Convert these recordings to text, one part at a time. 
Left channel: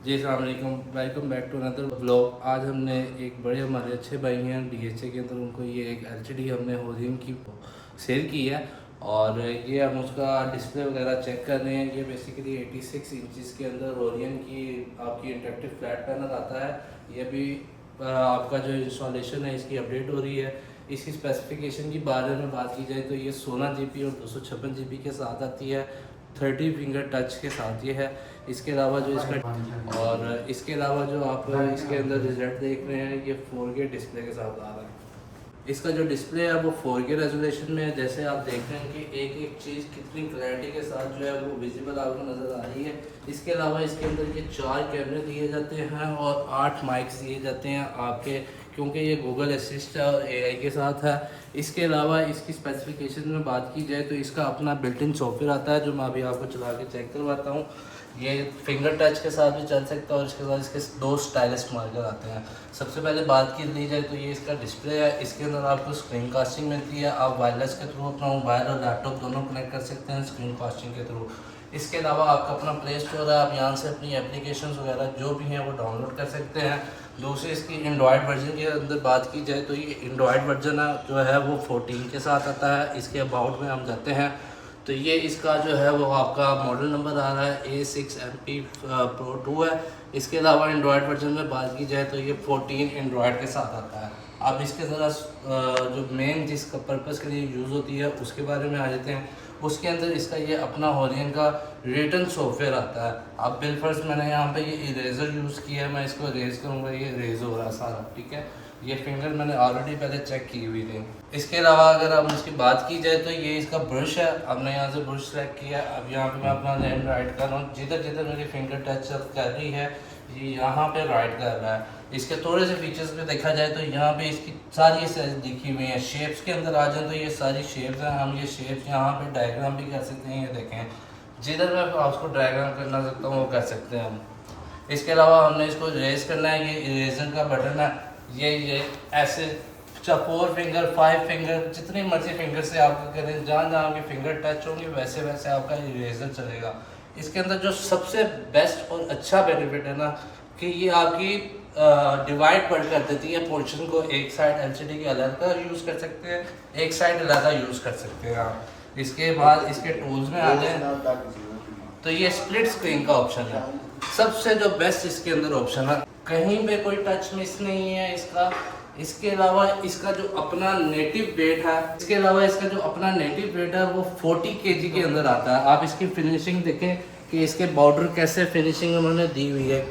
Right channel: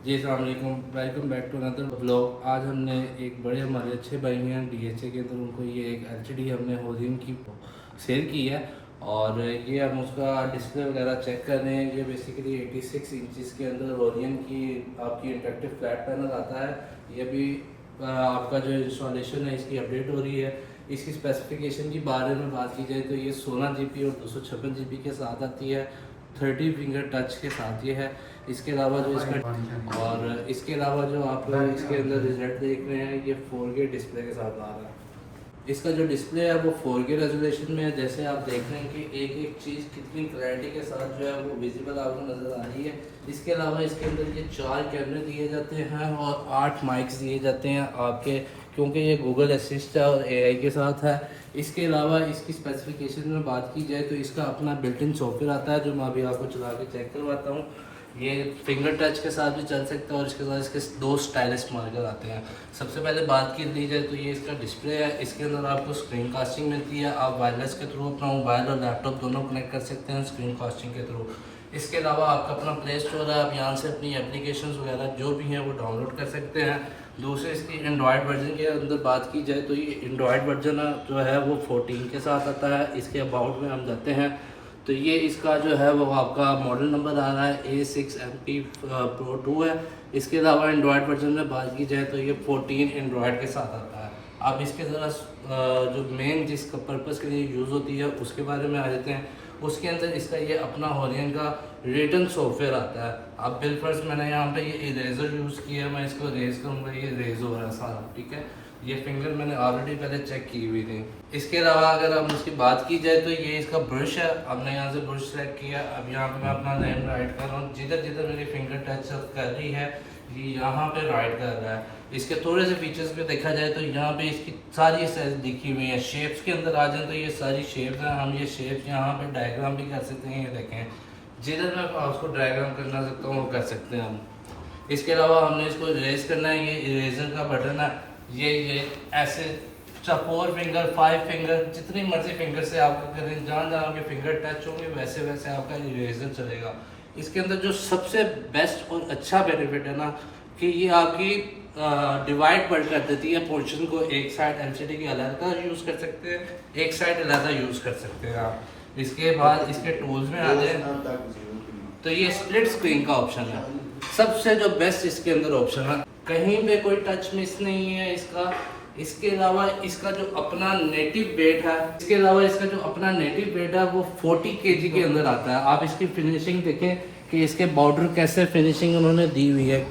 जी अस्सलाम वालेकुम, welcome back to another vlog. आज हमने एक बड़े हमारे अच्छे भाई हैं डीएचए के अंदर, उनको ये एक एलसीडी हमने होरियन की सेल की है और ये हम उसका डिस्प्ले वगैरह चेक कर रहे हैं। ये बेसिकली 86 इंचज़ के अंदर होरियन की आपकी इंटरेक्टिव फ्लैट पैनल आता है। ये भी आपका जो इंस्टॉलेशन है इसकी अपडेट हो रही है। इसकी स्पेसिफिकेशन के बारे में बात की जाए तो ये 16 GB और 256 GB के साथ आती है। 30 फिंगर टच के साथ ये है। इसके अलावा जो इसका और इसके अलावा जो आप इसके अंदर रिजल्ट देख रहे हैं ये 4K डिस्प्ले के साथ आ रहा है। इसका जो डिस्प्ले है वो 4K रेजोल्यूशन में है। जैसे आप देख रहे हैं कि एक एक चीज़ कितनी क्लैरिटी के साथ जो है वो विजिबल आपको नज़र आ रही है। इसके अलावा इसके अंदर ये 4 कैमरे दिए जाते हैं और 8 माइक्स दिए जाते हैं आपके, क्योंकि ये गूगल असिस्ट है और AI के साथ है। इसके अलावा इसकी स्पेसिफिकेशन में बात की जाए तो इसका अपना बिल्ट इन सॉफ्टवेयर आता है जो मैं अभी आपको चला के चेक करवाता हूँ। ये फिंगर टच के साथ भी चल सकता है और इसके साथ इसके दो स्टाइलिश मार्कर आते हैं। सबसे पहले बात की ली जाए तो ये इसका डिस्प्ले है। इसके अंदर आपको स्क्रीन कास्टिंग मिलती है। आप वायरलेस के थ्रू अपना मोबाइल और लैपटॉप दोनों कनेक्ट कर सकते हैं स्क्रीन कास्टिंग के थ्रू। इसके अलावा आपका अपना प्ले स्टोर है, आप यहाँ से अपनी एप्लीकेशन वगैरह जो भी हैं वो डाउनलोड कर सकते हैं। दूसरी इसकी एंड्रॉयड वर्जन के अंदर बात की जाए तो ये एंड्रॉयड वर्जन जो है वो 14 के साथ आता है। इसके अबाउट में हम जाते हैं तो ये इसका जो है वो आपका मॉडल नंबर आ रहा है A6MP Pro 2 है। इसके अलावा एंड्रॉयड वर्जन में बात की जाए तो ये 14 एंड्रॉयड के साथ आता है। अब इसके ज़रा जो मेन जिस पर्पज़ के लिए यूज़ होती है उसके बारे में आ जाते हैं। उसके अंदर इसका ये अपना होरियन का रिटर्न सॉफ्टवेयर आता है। अब बिलफर्स्ट मैंने यहाँ पे ये इरेज़र यूज़ किया है, मैं इसको इरेज करूँगा, ये इरेज हो रहा है सारा, ठीक है। ये फिंगर मैंने ऑलरेडी पहले चेक की हुई थी। इसके अलावा अगर हम इसकी बात की जाए तो ये इसका ब्रश है। हमने यहाँ से ब्रश सेलेक्ट किया। अब यहाँ पे मैं अपना नेम राइट कर रहा हूँ। जिधर जिधर मेरी फिंगर टच कर रही है ये यहाँ पे राइट कर रहा है। इसके थोड़े से फीचर्स पे देखा जाए तो यहाँ पे इसकी सारी साइज दिखी हुई है। शेप्स के अंदर आ जाए तो ये सारी शेप्स हैं। हम ये शेप्स यहाँ पे डायग्राम भी कर सकते हैं। ये देखें, जिधर मैं उसको डायग्राम करना सकता हूँ वो कर सकते हैं हम। इसके अलावा हमने इसको इरेज करना है। ये इरेजर का बटन है। ये ऐसे 4 फिंगर 5 फिंगर जितनी मर्जी फिंगर से आपका करें, जहाँ जहाँ आपके फिंगर टच होंगे वैसे वैसे आपका इरेजर चलेगा। इसके अंदर जो सबसे बेस्ट और अच्छा बेनिफिट है ना कि ये आपकी डिवाइड कर देती है पोर्शन को। एक साइड एलसीडी के अलग यूज़ कर सकते हैं, एक साइड अलग यूज़ कर सकते हैं आप। इसके बाद इसके टूल्स में आते हैं तो ये स्प्लिट स्क्रीन का ऑप्शन है। सबसे जो बेस्ट इसके अंदर ऑप्शन है, कहीं पे कोई टच मिस नहीं है इसका। इसके अलावा इसका जो अपना नेटिव वेट है, वो 40 kg के अंदर आता है। आप इसकी फिनिशिंग देखें कि इसके बॉर्डर कैसे फिनिशिंग उन्होंने दी हुई है।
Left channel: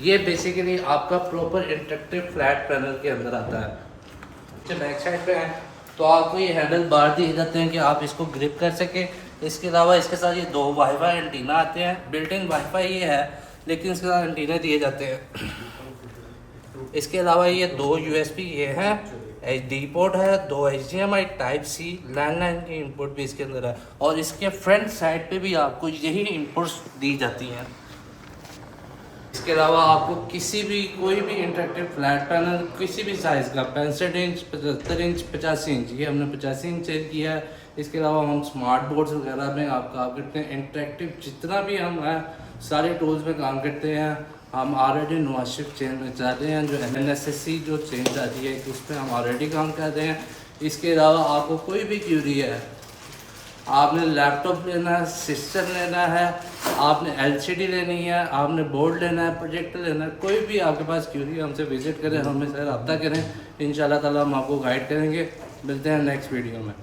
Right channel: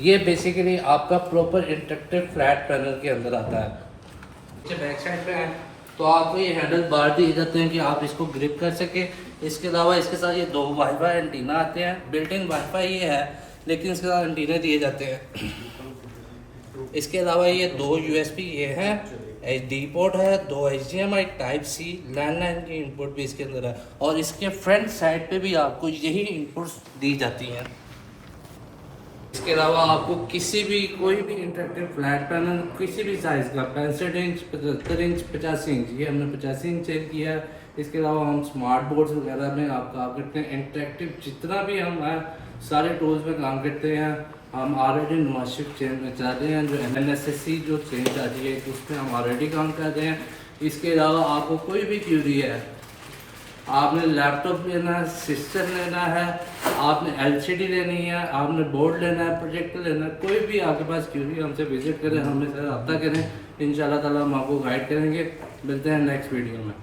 ये बेसिकली आपका प्रॉपर इंटरेक्टिव फ्लैट पैनल के अंदर आता है। बैक साइड पे है तो आपको ये हैंडल बार दिए जाते हैं कि आप इसको ग्रिप कर सके। इसके अलावा इसके साथ ये 2 वाईफाई एंटीना आते हैं। बिल्ट इन वाईफाई ये है लेकिन इसके साथ एंटीना दिए जाते हैं। इसके अलावा ये 2 USB ये है, HD पोर्ट है, 2 HDMI टाइप C लैंडलाइन की इनपुट भी इसके अंदर है। और इसके फ्रंट साइड पे भी आपको यही इनपुट्स दी जाती हैं। इसके अलावा आपको किसी भी कोई भी इंटरेक्टिव फ्लैट पैनल किसी भी साइज़ का 65 इंच 75 इंच 85 इंच, ये हमने 85 इंच सेल किया है। इसके अलावा हम स्मार्ट बोर्ड्स वगैरह में आप काम करते हैं। इंटरेक्टिव जितना भी हम हैं सारे टूल्स में काम करते हैं। हम ऑलरेडी नवाशिप चेंज में चाहते हैं जो MNSSC जो चेंज आ रही है उस पर हम ऑलरेडी काम करते हैं। इसके अलावा आपको कोई भी क्यूरी है, आपने लैपटॉप लेना है, सिस्टम लेना है, आपने LCD लेनी है, आपने बोर्ड लेना है, प्रोजेक्टर लेना है, कोई भी आपके पास क्यूरी हमसे विजिट करें, हमें से रब्ता करें। इंशाल्लाह ताला हम आपको गाइड करेंगे। मिलते हैं नेक्स्ट वीडियो में।